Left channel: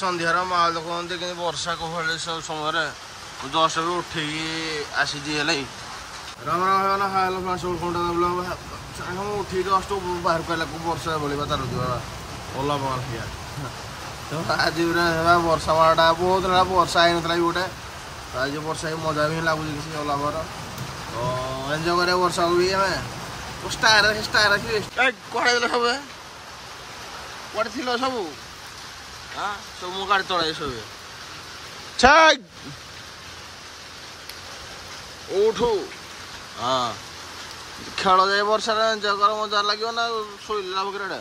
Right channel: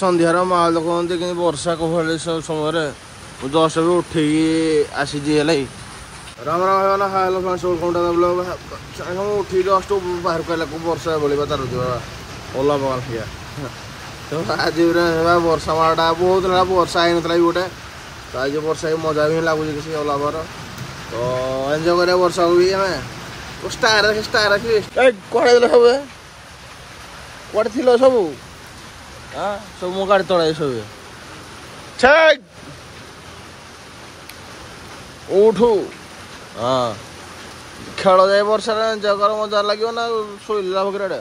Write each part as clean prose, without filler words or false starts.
ସନ୍ଧ୍ୟାର ମାହୋଲ କହନ୍ତି କିନ୍ତୁ ବର୍ଷା କୋହଳି ସମୟରେ ମୁଁ ଜଷ୍ଟ ବି ଉଠିକି ଆସିଛି ହେଲା ରାମ ରାମ ହେଇଗଲା hello friends welcome to the blog. ମୁଁ ଉଠିକି ଜଷ୍ଟ ବାହାରକୁ ଆଇଲା ବର୍ଷା ବଳିବା ତାର ଓଲା ବଗାଲ ହେଇଆ ତ ଆଜି ବର୍ଷା ମାଟା ବହୁତ ହେଲା ବର୍ଷା ହେଇନଥିଲା ବି ଗୋଟେ ତ ଆଜି ବର୍ଷା ହେଇକି ମଜା ବି ଲାଗୁଛି କିଛି ଓଲା ବାର ତ ଏନ୍ଜୟ କରିବା ବର୍ଷାକୁ ବି ଆମେ ଷ୍ଟାର କୁଆଡ଼େ ଦେଲେ ସବୁ କୁଆଡ଼େ ଥିଲ ସବୁ ସବୁ ମୋ ଗାଡ଼ି ତଳେ ସବୁ ଉଠୁ ହଁ ଖେଳ ଯାଏ ବର୍ଷାରେ ଏନ୍ଜୟ କର ମଜା ଲାଗିବ ନା ଶୋଇଲା ବକରାଟା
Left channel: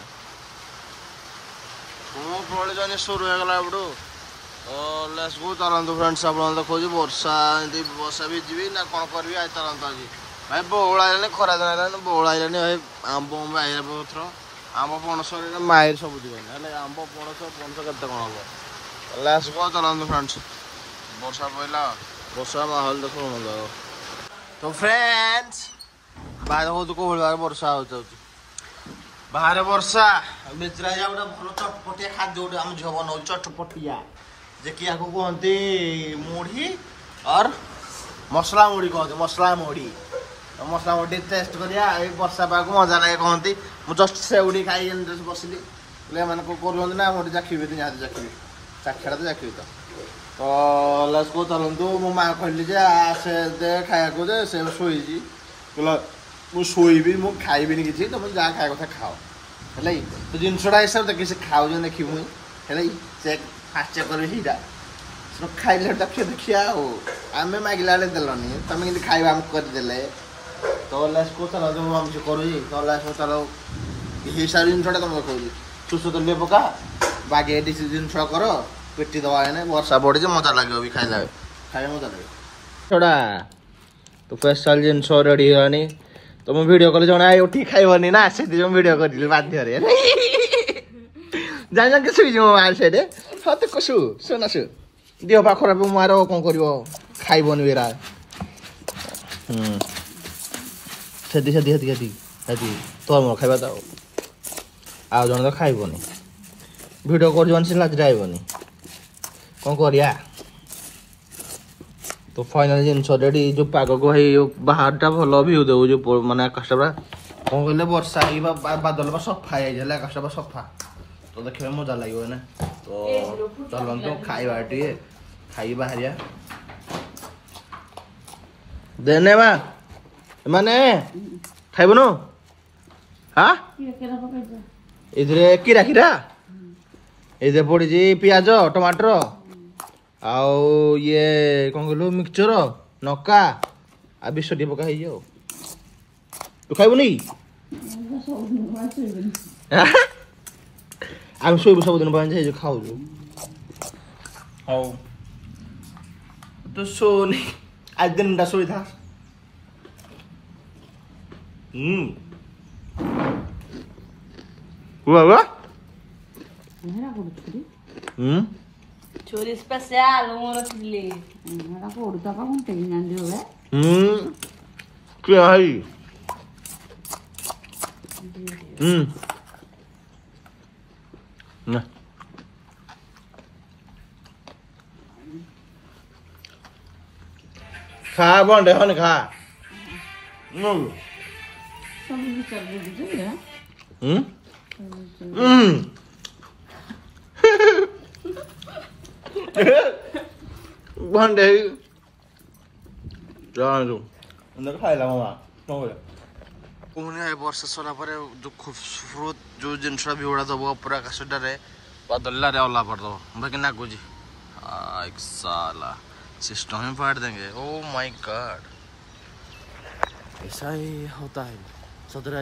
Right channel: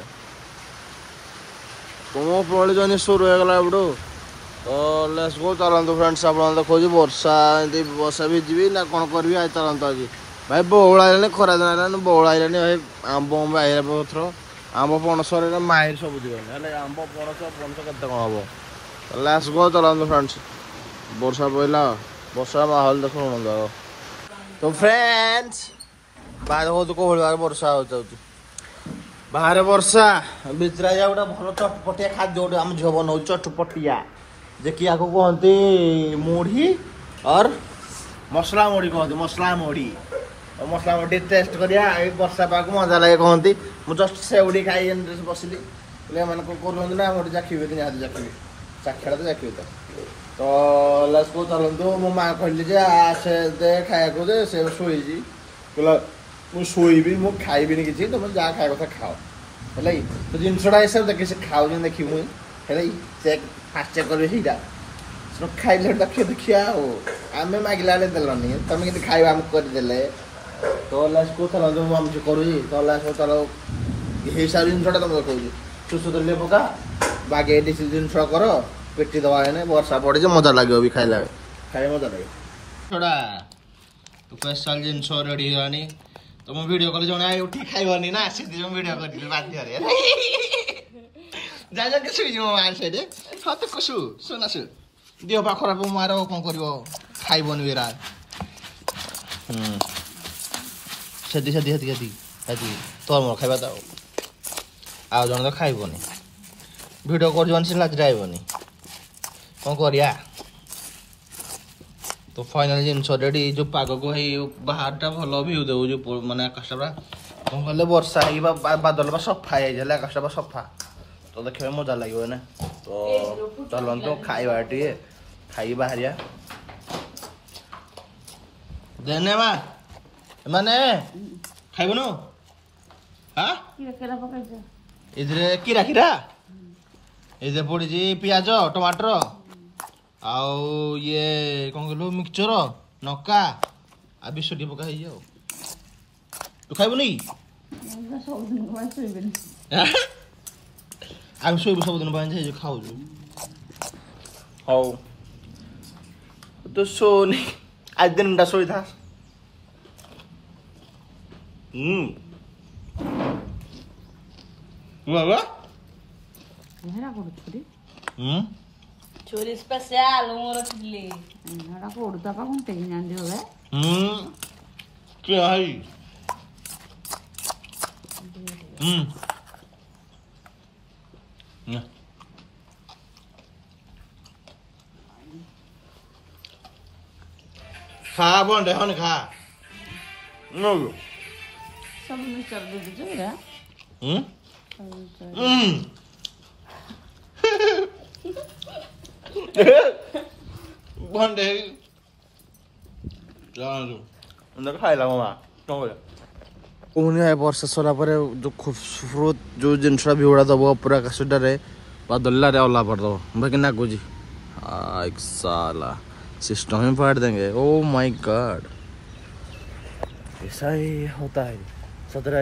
ତୁମ ପ୍ରବଳ ଜନି ସୁରୁ ହେଇଗଲା ଏପଟୁ ତ ଲେଟ୍ସ ଗୋ ଚାଲନ୍ତୁ ଫ୍ରେଣ୍ଡସ୍ ଆପଣ ଦେଖଉଛି ବର୍ଷା ଏମିତି ବର୍ଷା ଭିଜିବି ନା କ'ଣ କରିବି ଆଜି ଚାଲନ୍ତୁ ଆଜି ଭାଇ ବଉଳ ଆଇଲାଣି ଖରା ଦେଲାଣି ବଉଳ ଆଇଲାଣି ଭାଇ ଆମ୍ବ ଆଇଲା ପଥର ଆମ୍ବ ପଣସରେ ମାହିର ସବୁ ଯିବନି ହେଲେ ଆମ୍ବ ପଣସ କେତେ କ'ଣ ହବ ଲେଟ୍ସ ଗୋ ଚାଲନ୍ତୁ ଫ୍ରେଣ୍ଡସ୍ ବର୍ଷା ପଇଲା ବର୍ଷା ମାହୋଲ ଦେଖୁନ ତ ଫ୍ରେଣ୍ଡସ୍ ବାହାରେ ବହୁତ କୋହଳି ବର୍ଷା ହଉଛି ବାହାରେ ବର୍ଷା ଭିତରେ ଗୋଟେ ଭଲ ଚଟପଟିଆ ଖାଦ୍ୟ ଗୋଟେ ଆମ ଝିଅ ବନଉଛି ଚଟପଟିଆ ଯେ କି ଆକୁ କୁହନ୍ତି ମୁଢ଼ି ଅର୍ ମସଲା ମୁଢ଼ି କହନ୍ତି ମସଲା ମୁଢ଼ି ଟେଷ୍ଟ କରିବା ଏଇ ବର୍ଷା ପାଗକୁ ମଜା ଲାଗେ କହନ୍ତି ମୁଁ ଜଷ୍ଟ ସେଉଠି ଖାଇକି ବସିଲି ହେଲେ ଏମାନେ କ'ଣ କରୁଛନ୍ତି ନା ଗୋଟେ ଚାଖିବି ନିହାତି ଚାଖିବି ଚାଖିଆଟା ତ ଚାଖିବି ତ ଲାଷ୍ଟକୁ ଚାଲନ୍ତୁ ମୋ ମାଆ କହିଲି ଯେ ଆସେ ଦେ ଖାଇବାକୁ ଯେ ସେ ଶୋଇଛି କହିଲା ମୁଁ ଶୋଇବି ମୁଁ ଖାଇବିନି କିଛି ତମେ ଯାହା ଖାଇବା କଥା ଖାଅ ହେଲା ତ ଜିନିଷଟା ଏସବୁ ଦେଖି ସେ ଖାଉଛନ୍ତି ଦେଖିବୁ ମୁଇଁ ହେଲା ଚେକ୍ ଫାଷ୍ଟ ଚେକ୍ କରିବେ ସେଇଟା ଖାଇଲେ ଦେଖିବା ଆଉ ଆମେ ମାଗିଲା ବେଳେ ଦେଲନି ତମେ କିନ୍ତୁ ଖାଇବା ଆମକୁ କରିଦେଲେ ତ ଲାଷ୍ଟକୁ ଚାଲନ୍ତୁ ମୁଁ ଆମେ କରୁଛି ତ ଲାଷ୍ଟକୁ ଚାଲ ହିସାବ ଜିନିଷଟା ତମେ କହୁଛି ସୁସ୍ଥ ତେଲ ପକା ବାଗେଇ ଦେଶୀ ଜିନିଷ କର ପେଟି ଦେବା ଏନେ ବର୍ଷା ପଡ଼ିছে ମଜା ଲାଗିବ ବି ଖାଇଲା ମଜା ଲାଗିବ ଛଡ଼ା ତ ସ୍ପେଶାଲ ଜିନିଷ ରେଡ଼ି ହେଇଗଲାଣି ତମେ ଭିଡ଼ିଓ କଲେ ଜଣେ ଆଇ ଉଠିକି ଖାଇବନି ନା ସେଥିପାଇଁ ମୁଁ ଭିଡ଼ିଓ କରିଥିଲି ବାଧ୍ୟରେ ଜାଣିକି ଶୁଇଯିବ ମା ସେଇଠି ହଁ ତ ଶୁଣ ଦେହ ପା ଖରାପ ମାର କ'ଣ କରିବ ଖାଇବନି ବେରା ସେଠି ତୋର ମୋ ଖାଇବା ତ ଆଉ ଜଣେ ତ ଖାଇବନି ଭିଡ଼ିଓ କରୁଛନ୍ତି ସେ ଲାଜରେ ଆଇବନି କ'ଣ କରିବା ତ ଫାଇନାଲ ଜିନିଷ ରେଡ଼ି ଯେଉଁ ପାଗକୁ ହେଇ ବାହାରଟା ଭଲ ଭିଉ ଦେବୁ ଯେଉଁ ମାନେ ଆକାଶଟା ପୁରା କ'ଣ କହିଲେ ବର୍ଷା ହେଇକି ବାଦଲ ବା ସଫା ହେଇଯାଇଛି ହେଲେ ଆକାଶଟା ବା ସଫା ତ ଦେଖିବା ମଜା ଲାଗିବ ନା ତ ଚାଲନ୍ତୁ ଖାଇବା ଟିକେ ଖାଇ ବାହାରିବା ଦେନେ ମା ମାନେ ଖାଇବୁନୁ ଏଥିରେ କିରା ଏଥିରେ ପଡ଼ିଛି ପିଆଜ ଟମାଟର ଆଉ ଇଏ କ'ଣ କହିଲୁ ମିକ୍ସଚର ନକା ଆଉ ବିଷ ଟିକେ ପକା ହେଇଛି ଆଉ ତୁ ଖାଇବୁନି ଆମେ ଶୋଇବୁ ସବୁଦିନ ପାଇଁ ହେଇଛୁ ଖାଉଛୁ ହଉ ତୁ ଶୋନି ଆଜି ଦିନଟା ଶୋଇଥା Chori spesial ମୋର ଥିଲେ ନା ପଡୁତା କଣ ତେଇ ନାନ୍ତି ହୋଏ କି ଆଇ ନା ଖା ବଣ୍ଡେ ହନେ ଖା ବଣ୍ଡେ ଖାଇଲା ମାମା ପୁଣି ବର୍ଷା ସରିଲା ପରେ ଯେଉଁ ଖୁବସୁରତ ଯେଉଁ ଜିନିଷଟା ଭିଉଡ଼ା ଦେବ ପୁରା ଆକାଶଟାରେ ବାଦଲରେ ଅଲା କରିଦେବ ବାକି ନାଗୁଛି साला सिस्टम ही फाड़ देंगे ओ माय गॉड ऐसा ही होता है सतरा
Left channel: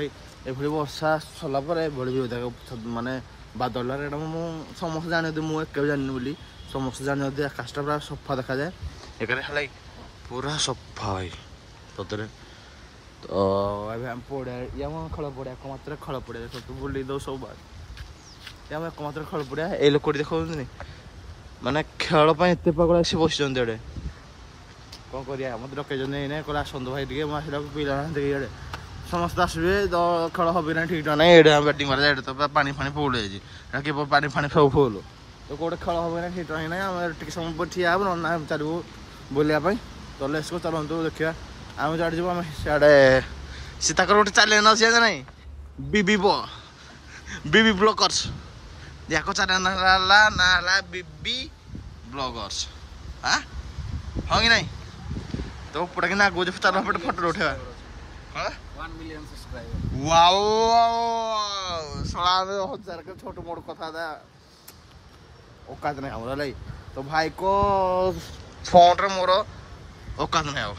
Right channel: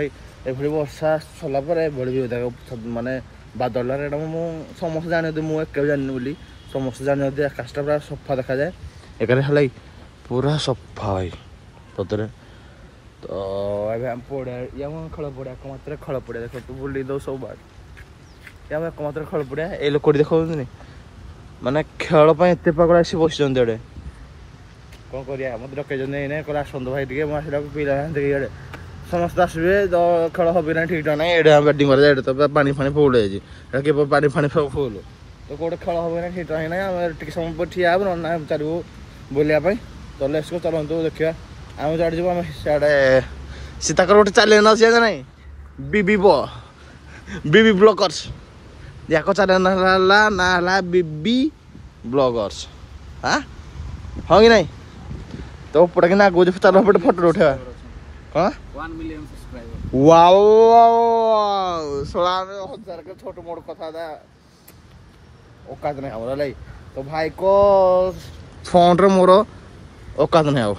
एभली वर्षा सरला पर एभली भी होता है माने बादल मु समस्त जाने मु एक जानी बोली समस्त जाने आकाशटा पूरा सफा देखा जाए एक पूरा सफा भाई सतरे तो एम पड़ा या खेल पड़ा एकमात्र खेल पड़ा देख तू बुले दो सब बात या एकमात्र खेल पड़ा ये लोक देखा माने खेल एत पागल आसी बस एडे कौन करिया मत डकई कहला आसतु भाई टे पिला इे समस्त आसबे तो खेल हम ना ठीक ना ये बैटिंग कर तो पानी फानी फुल किए पानी फानी फुल तो कोटे खेल हम ना ठीक रही ना आम टे समय पर ठिया हे ना चालू बुलाया तो लेट्स गो चलतु देखा आम जो जी आम सियाड़े सीताकर गोटे चैलेंज अच्छी ना बीबी ब्लॉगर्स याक चैलेंज ना बीबी ब्लॉगर्स हाँ हाँ कि नहीं तो पड़े कि आगे जो चलो पे फोटो उठेवा कौन 1 million सब्सक्राइबर वाओ 16,000 के छोट मोट कथा था औकात नहीं हमारा लाई तो भाई को फोन रे मोर औकात नहीं आओ